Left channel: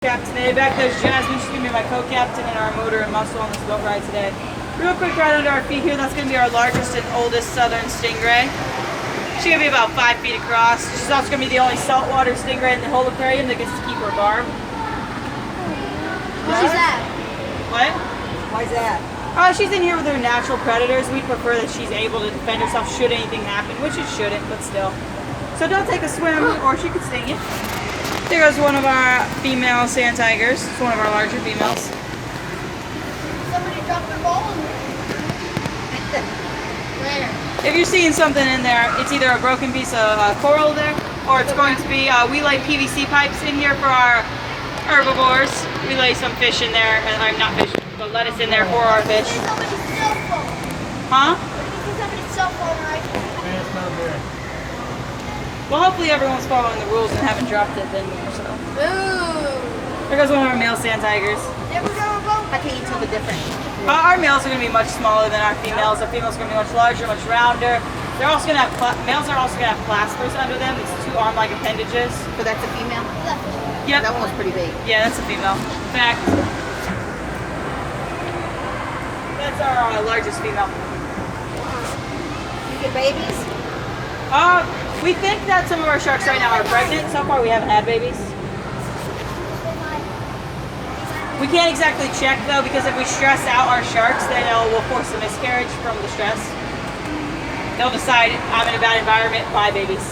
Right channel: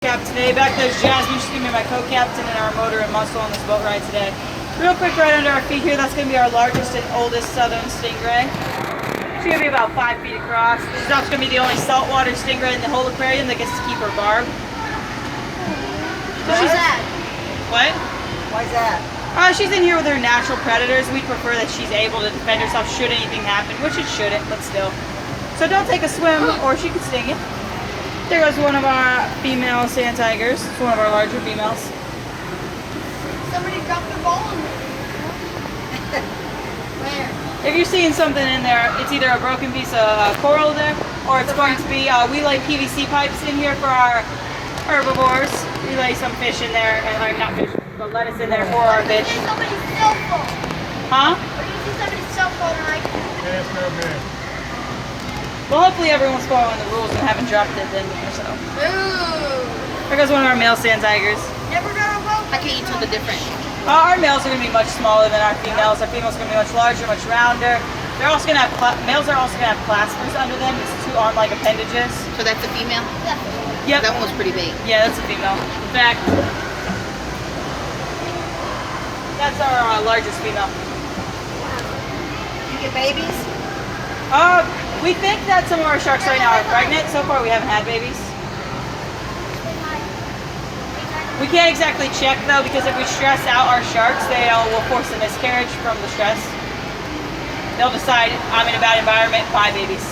Cap today. Back there's Jasmine. She's going to be my co-captain and our motor and muscle on this boat ride today. Real quick, right under our feet here, that's going to be our largest and oldest southern stingray. She's going to be about 5 feet across. She's also going to be the only saltwater stingray in the whole aquarium that gets to keep her barb. Why's that? What? Why's that? She's in here with her natural predators. We prefer that she's able to defend herself should anything happen, which it shouldn't, but still. So don't take a swim or she could sting you. There goes one of our female sand tigers. It's one of our larger females. Somebody dropped their ball in there. Where? If you're seeing something in there, it's either a broken piece of coral there, or it's going to be, we lay PVC pipes in here for our herbivores. We lay some fish in there, and I'm not fish, but lettuce in there for our fish. What if somebody's cell phone? Huh? What if somebody's cell phone, right? Yeah, it's not bad. Well, hopefully everyone's following the rules and haven't dropped it then, so. Ooh. There goes one of our male sand tigers. Never got a boat. How can you tell the difference? Our males are going to be much smaller than our females. Our females are going to be much larger, much rounder. They're also going to have, males are also going to have claspers under them. It's 2 arm-like appendages. So that's a female? Yep. That one was pretty big. Yeah, that's a female. In fact, that's our largest female. You get babies? We think that some of our sharks right now are pregnant. So far, we haven't had babies. We can't exactly check though, because if we stress out our sharks, they will force a miscarriage from the stress. They'll decide, I'm in a bad environment, buy babies.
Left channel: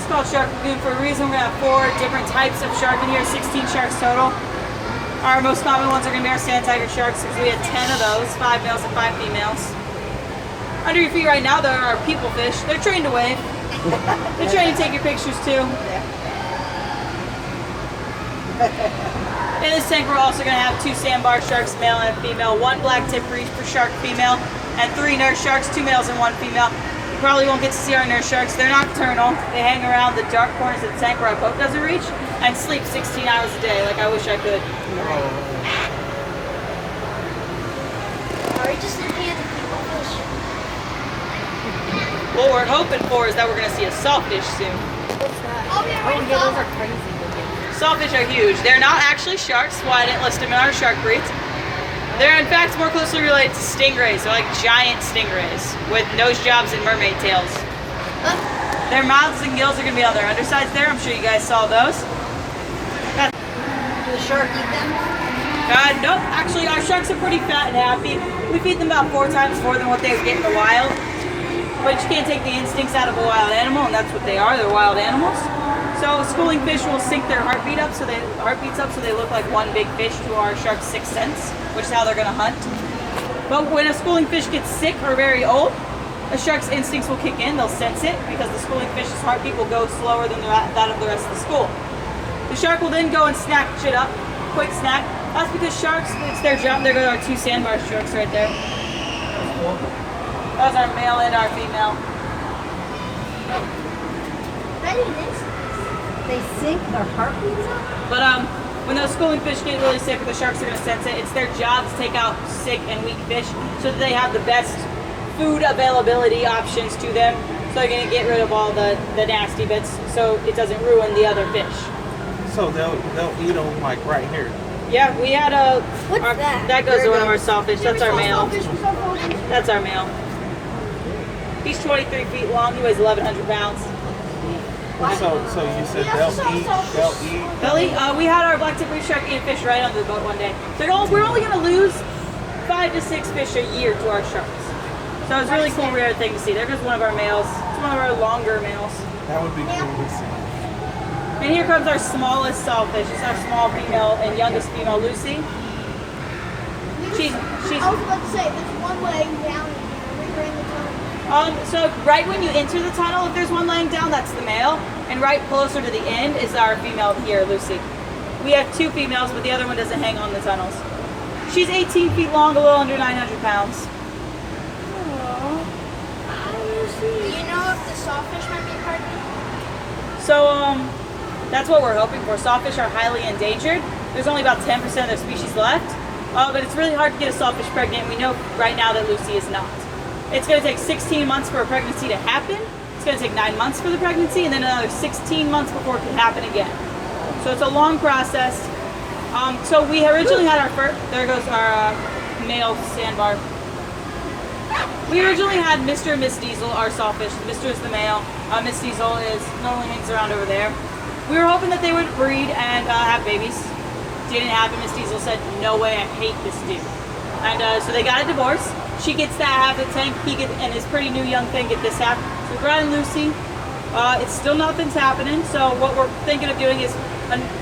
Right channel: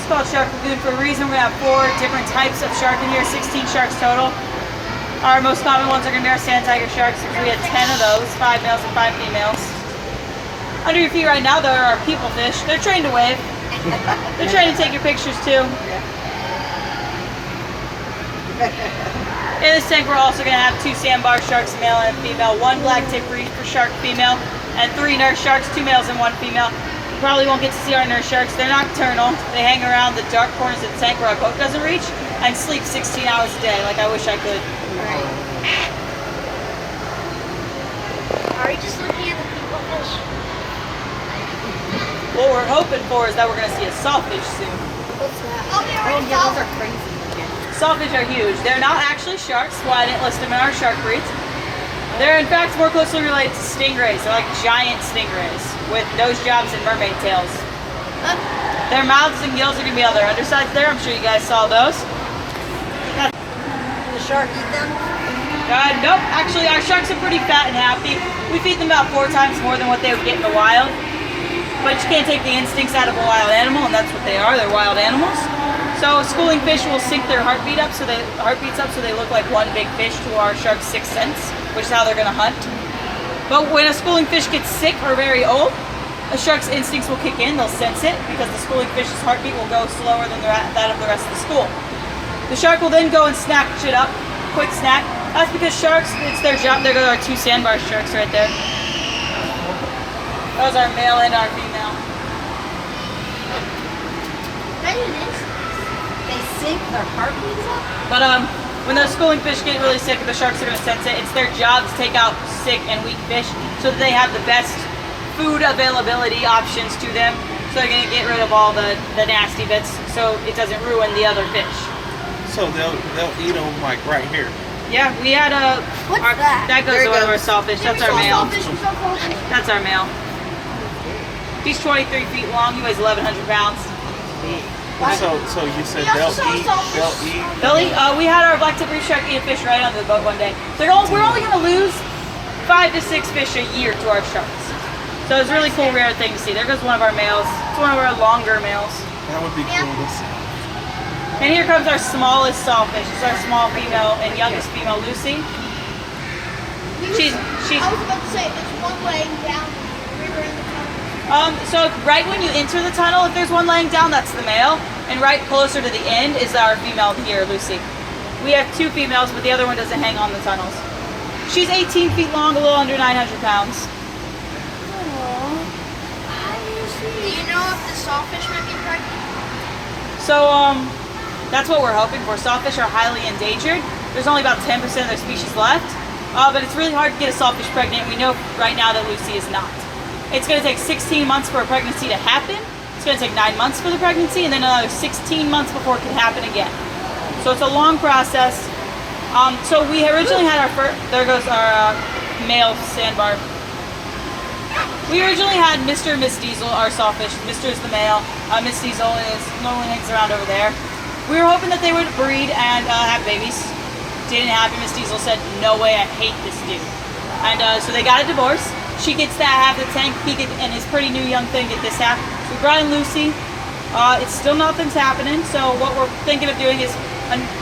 It's called Shark Lagoon for a reason. We have 4 different types of shark in here, 16 sharks total. Our most common ones are going to be our sand tiger sharks, because we had 10 of those, 5 males and 5 females. Under your feet right now, there are people fish. They're trained to wave. They're trained to take your pictures too. In this tank, we're also going to have 2 sandbar sharks, male and female, 1 black tip reefer shark female, and 3 nurse sharks, 2 males and 1 female. You probably won't get to see our nurse sharks. They're nocturnal. They hang around the dark corners of the tank where our boat doesn't reach and sleep 16 hours a day, like I wish I could. Are you just looking at the people fish? What we're hoping for is that we're going to see a sawfish soon. What's that? Oh, they Oh, already yeah, saw those are them. crazy looking. Sawfish are huge. They're not actually sharks, so I didn't list them in our shark breeds. They're in fact more closely related to stingrays. They're like giant stingrays with nose jobs and mermaid tails. Their mouths and gills are going to be on their undersides there. I'm sure you guys saw those. Will the shark eat them? Nope. Actually, our sharks are pretty fat and happy. We feed them about 4 times more than what they would get in the wild. But you can't take the instincts out of a wild animal, and that's what they are. They're wild animals. So schooling fish will sync their heartbeats up so they look like one big fish to our shark's 6th sense, which is how they're going to hunt. But when a schooling fish gets sick or very old, a shark's instincts will kick in. They'll sense it because the schooling fish's heartbeat will go slower than that of the rest of the school. The shark will then go and snack shit up, quick snack. That's because sharks, it's their job. There go our 2 sandbar sharks right there. Those are male and our female. That is. They sync their heartbeats up? But when those schooling fish get really sick, the sharks are going to sense it. It's their job to take out sick and weak fish so that they have the best food availability options to them. So they're going to get rid of all the nasty bits so it doesn't ruin the other fish. So they'll eat them like right here. Yeah, we had What's that? That goes There to it one of our goes. sawfish. Yeah, That's we our saw male. sawfish, we saw sawfish. That's our male. He's 23 feet long. He weighs 1,100 pounds. So you said they'll eat. Billy, we had our black tip reef shark eat a fish right under the boat one day. We're only going to lose 5 to 6 fish a year to our sharks. So it's a really cool, rare thing to see. There goes one of our males. It's one of our longer males. That would be cool to see. And here comes our smallest sawfish. It's our small female and youngest female, Lucy. She's I was about to say, there's one laying down river in the tunnel. So right when you enter the tunnel, if there's one laying down, that's the male. And right closer to the end is our female here, Lucy. We have 2 females, but the other one doesn't hang on the tunnels. She's 18 feet long, a little under 900 pounds. Do you know if the sawfish might be pregnant? So that's what we're hoping for. Sawfish are highly endangered. There's only about 10% of their species left. But it's really hard to get a sawfish pregnant. We know right now that Lucy is not. It's going to take 16 months for a pregnancy to happen. It's going to take 9 months for the pregnancy, and then another 16 months before it can happen again. So it's a long process. So we originally had our first, there goes our male sandbar. We originally had Mr. and Miss Diesel, our sawfish. Mr. is the male. Miss Diesel normally hangs around over there. We were hoping that they would breed and have babies. Didn't happen. Miss Diesel said, no way, I hate this dude. And so they got a divorce. She gets that half the tank. He gets, and his pretty new young thing get this half. So we brought in Lucy. It's still nothing's happening. So what we're thinking of doing is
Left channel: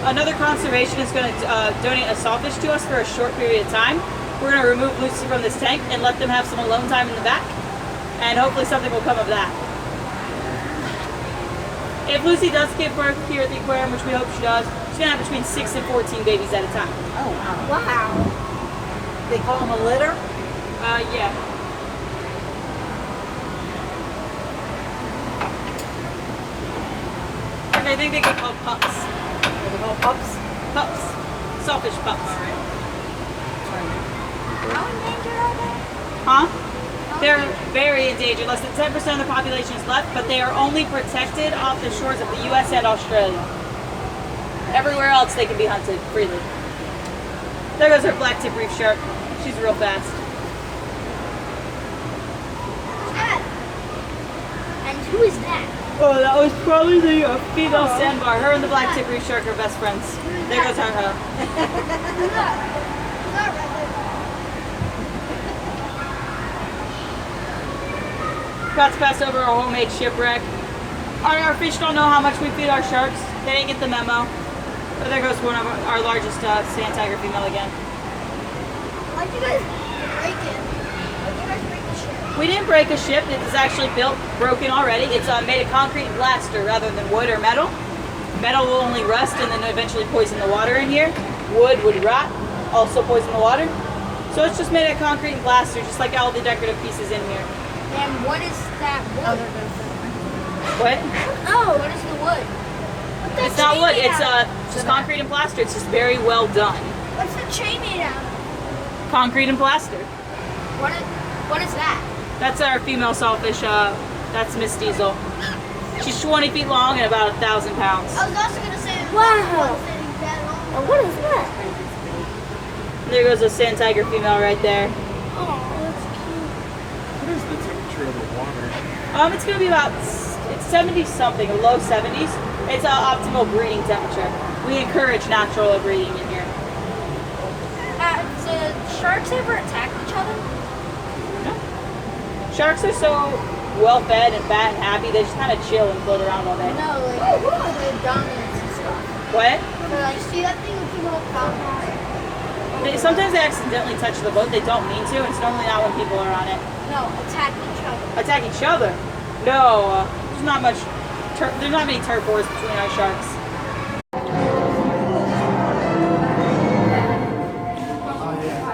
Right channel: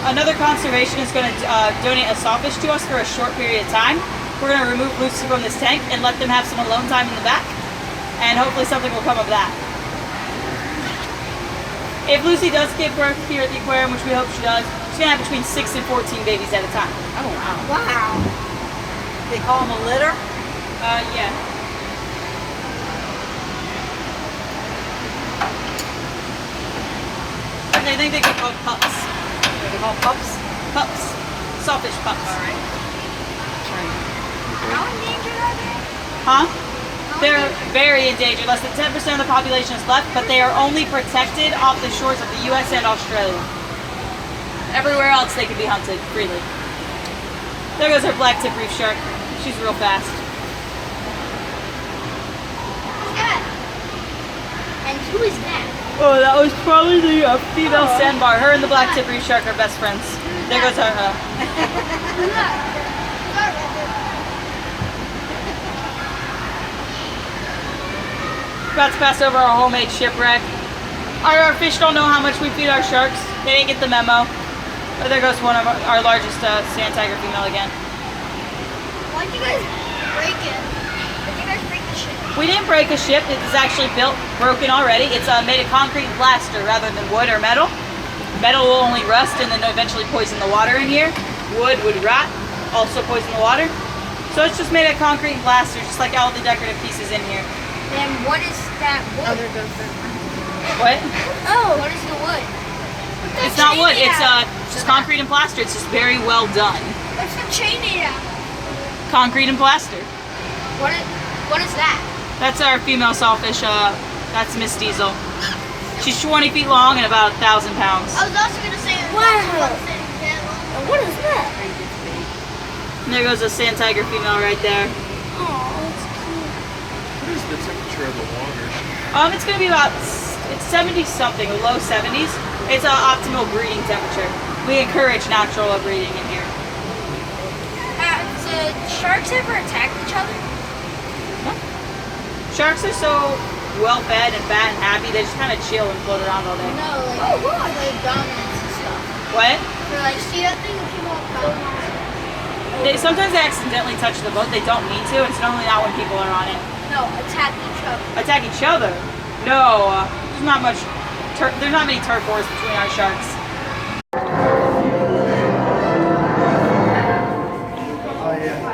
another conservation is going to donate a sawfish to us for a short period of time. We're going to remove Lucy from this tank and let them have some alone time in the back. And hopefully something will come of that. If Lucy does give birth here at the aquarium, which we hope she does, she's going to have between 6 and 14 babies at a time. Oh, wow. Wow. They call them a litter? Yeah. I think they get called pups. Are they called pups? Pups. Sawfish pups. How endangered are they? Huh? They're very endangered. Less than 10% of the population is left, but they are only protected off the shores of the U.S. and Australia. Everywhere else they can be hunted freely. There goes our black tip reef shark. She's real fast. And who is that? Oh, that was probably the female sandbar. Her and the black tip reef shark are best friends. There goes our Who's that? About to pass over our homemade shipwreck. Our fish don't know how much we feed our sharks. They didn't get the memo. But there goes one of our largest sand tiger female again. Why'd you guys break it? Why'd you guys break the ship? We didn't break a ship. It is actually built, broken already. It's made of concrete and plaster rather than wood or metal. Metal will only rust and then eventually poison the water in here. Wood would rot, also poison the water. So it's just made of concrete and plaster, just like all the decorative pieces in here. And what is that wood? Oh, there goes that. What? Oh, what is the wood? It's not wood. It's just concrete and plaster. It's just very well done. What's the chain made out? Concrete and plaster. What is that? That's our female sawfish. That's Miss Diesel. She's 20 feet long and about 1,000 pounds. I was also gonna say. Wow. What is that? There goes a sand tiger female right there. Oh, that's cute. What is the temperature of the water? It's gonna be about 70 something, low 70s. It's an optimal breeding temperature. We encourage natural breeding in here. So sharks ever attack each other? Sharks are so well fed and fat and happy. They just kind of chill and float around all day. No, like the dominance and stuff. What? They're like, see that thing with people Sometimes they accidentally touch the boat. They don't mean to. It's normally not when people are on it. No, attack each other. Attack each other? No. There's not much. There's not many turf wars between our sharks. Oh, yeah.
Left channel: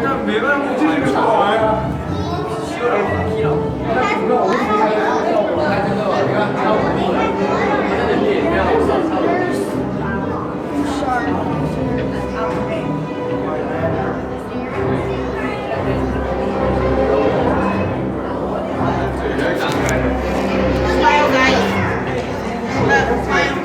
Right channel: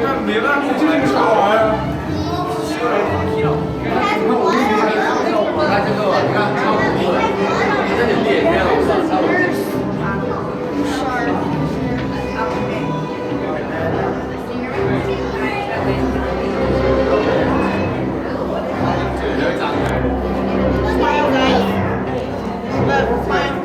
那没办法，这个啥玩意儿？Smile, guys. Smile.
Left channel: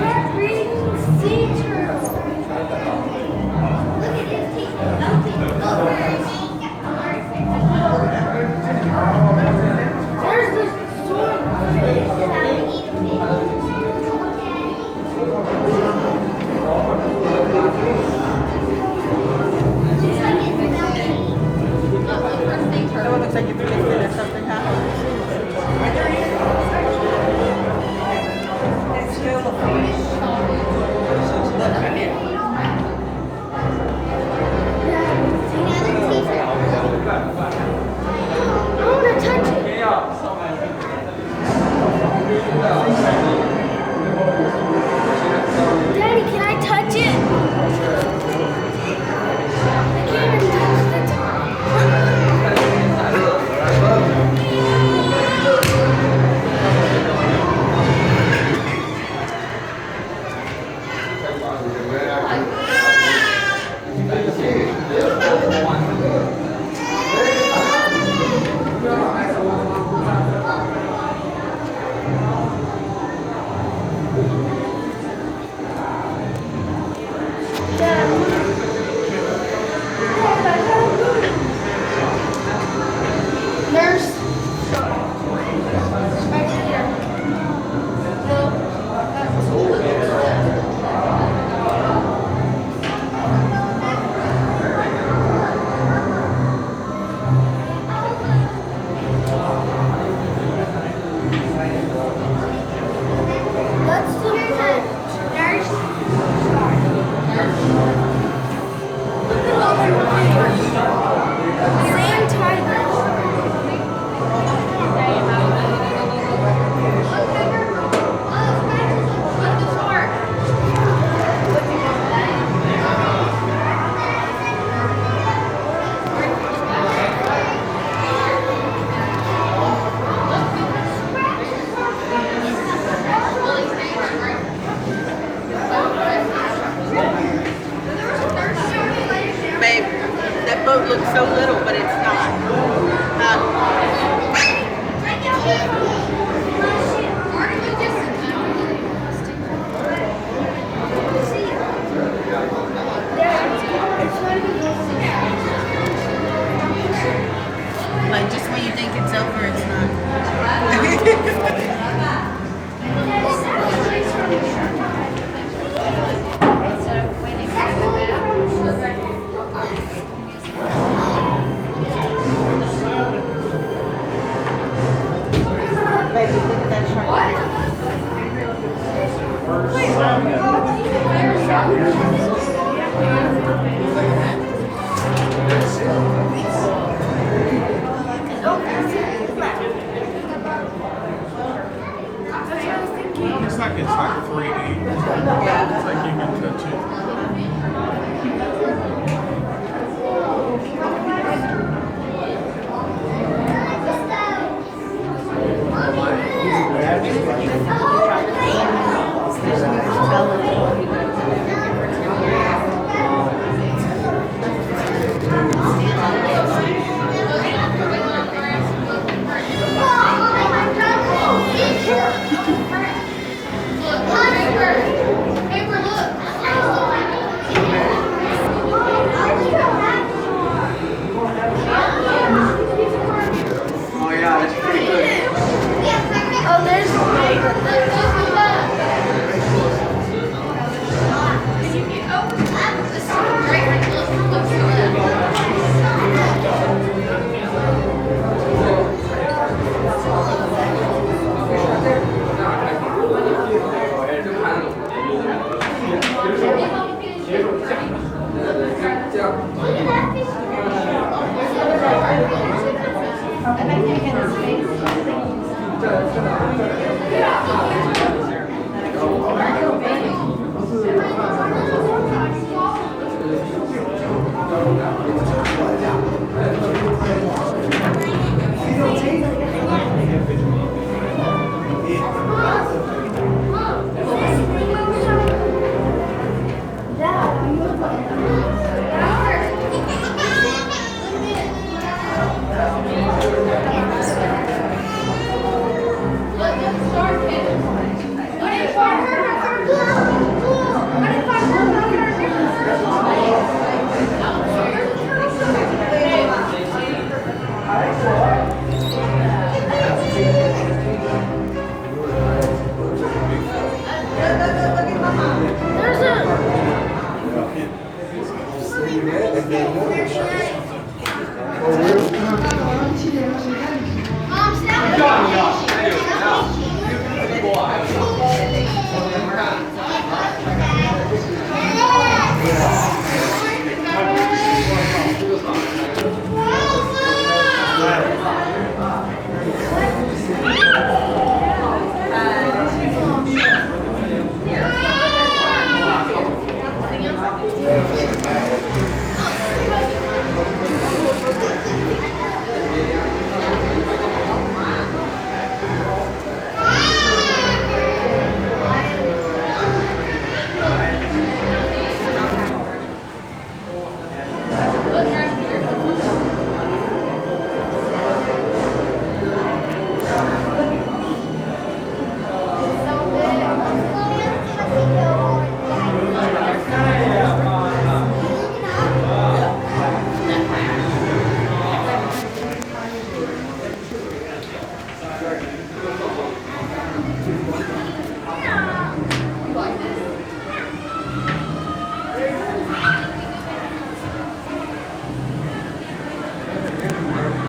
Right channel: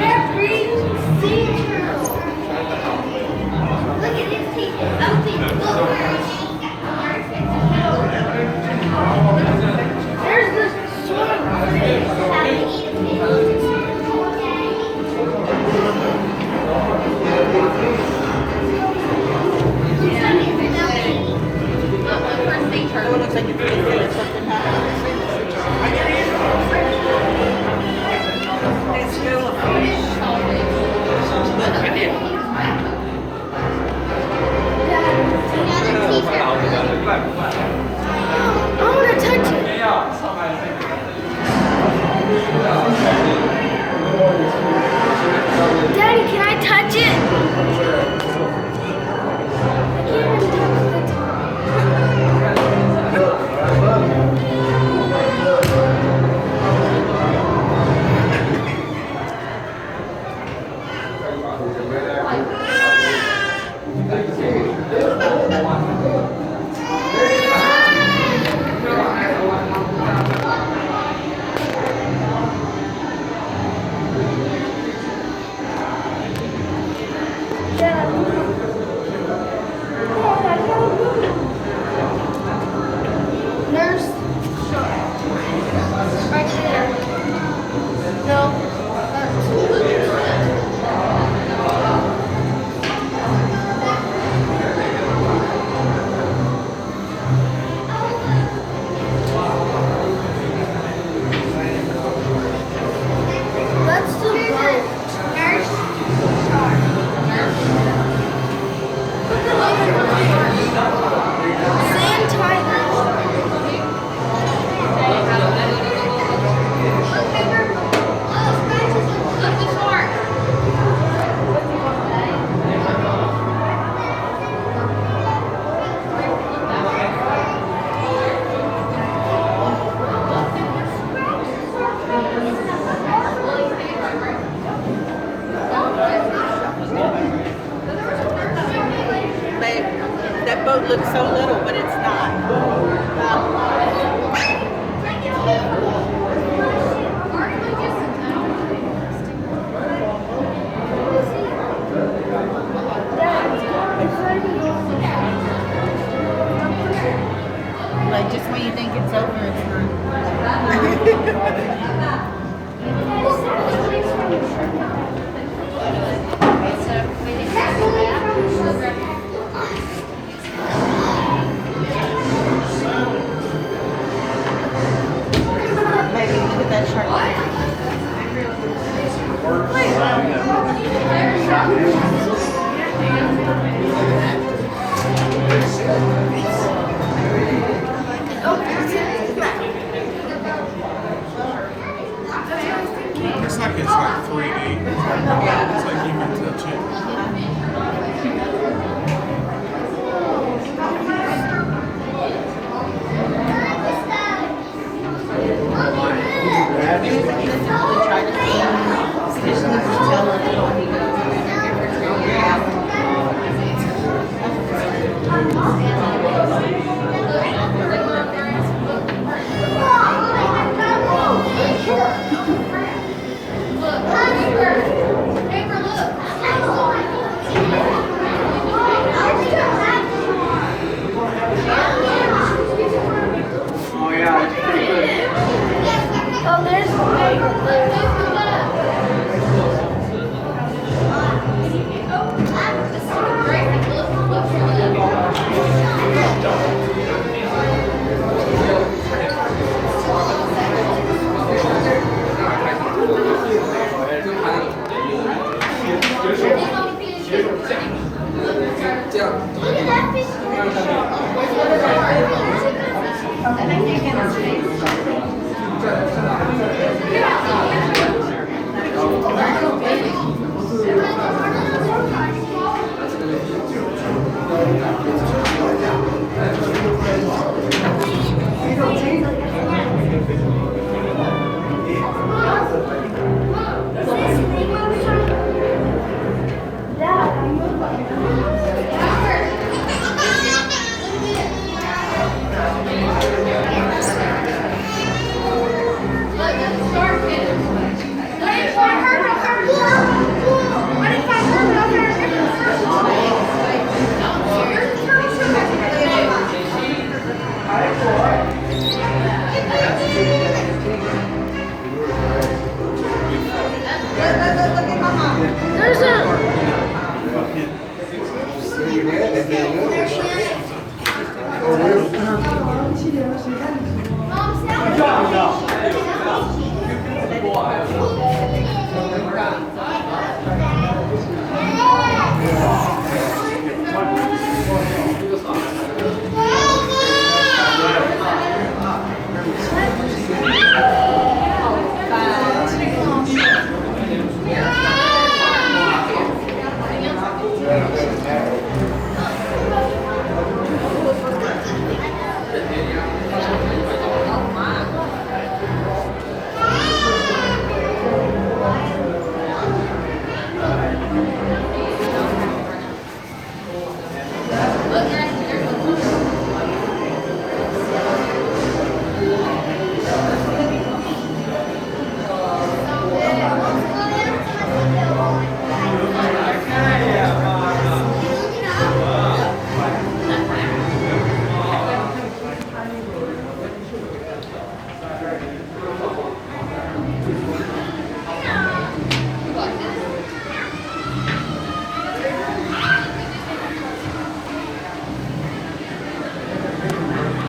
They're breeding sea turtles. Look at his teeth. There's the sword. That one looks like you're pretty good or something, It's still a fish. I want to touch it. Daddy, can I touch it? I can't even touch the Nurse. Right there. No. Let's do both. Nurse. Sand tiger. Babe, that boat looks so little, but it's not. Like just when you think it's over, it's Baby, look at that shark. It's like 3D. Yeah.